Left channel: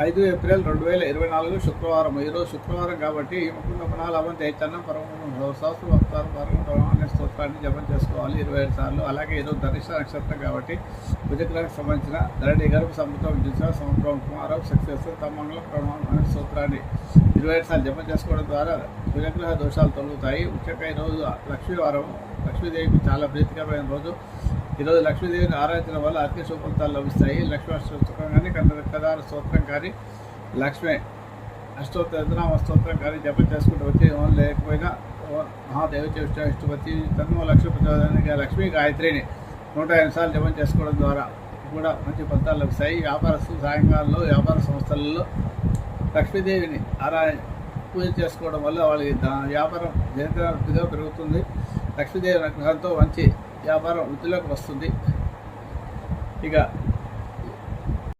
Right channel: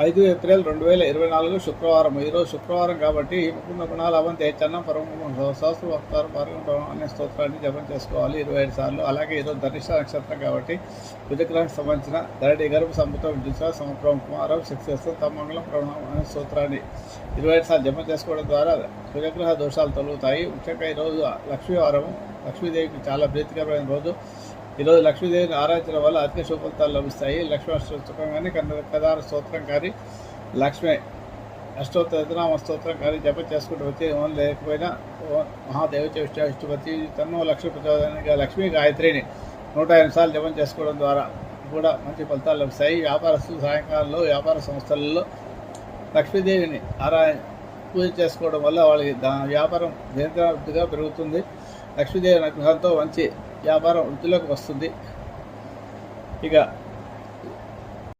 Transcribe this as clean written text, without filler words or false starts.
5 April 2024 శుక్రవారం. ఈరోజు శుక్రవారం కాబట్టి ముకుంద పుణాలవంతే చన్నం సహస్రవక్తారం పరగం అనే స్తోత్రాన్ని జపం చేసుకోవాలి 27 సార్లు. అలాగే ఈరోజు ధనిష్ట నక్షత్రం కాబట్టి బుధగ్రహానికి సంబంధించిన ధరణి గర్భ సంపుతం దిశ సమప్రభం కుమారం శక్తి తమ్మంగళం ప్రణామం అనే స్తోత్రాన్ని 27 సార్లు జపం చేసుకోవడం ద్వారా బుధగ్రహ దోషాలు తొలుగుతాయి. ముఖ్యంగా ఈరోజు లక్ష్మీవారం, లక్ష్మీదేవికి చాలా ప్రీతికరమైన రోజు. ఈరోజు లక్ష్మీదేవిని ఆరాధించడం వల్ల అధిక శుభ ఫలితాలు లభిస్తాయి. లక్ష్మీ అష్టోత్తరం కానీ కదార స్తోత్రం కానీ లక్ష్మీ అష్టోత్తరనామ స్తోత్రం కానీ జపం చేసుకుంటూ వచ్చి లేకపోయినా మహాదేవత విష్ణుపతి తన్నో లక్ష్మీ ప్రచోదనానికి లక్ష్మీ గాయత్రిని 108 సార్లు జపం చేసుకోవడం ద్వారా కూడా మంచి ఫలితాలు లభిస్తాయి. వ్యాపారస్తులు సాయంకాలంలో వ్యాపార సంస్థలలో లక్ష్మీదేవిని పూజ చేసుకోవడం వల్ల వాళ్ళకి వ్యాపారం నిరంతరంగా పెరుగుతుంది. లక్ష్మీదేవి అనుగ్రహంతో మంచి వ్యాపారం వృద్ధిలోకి వస్తుంది. ఇక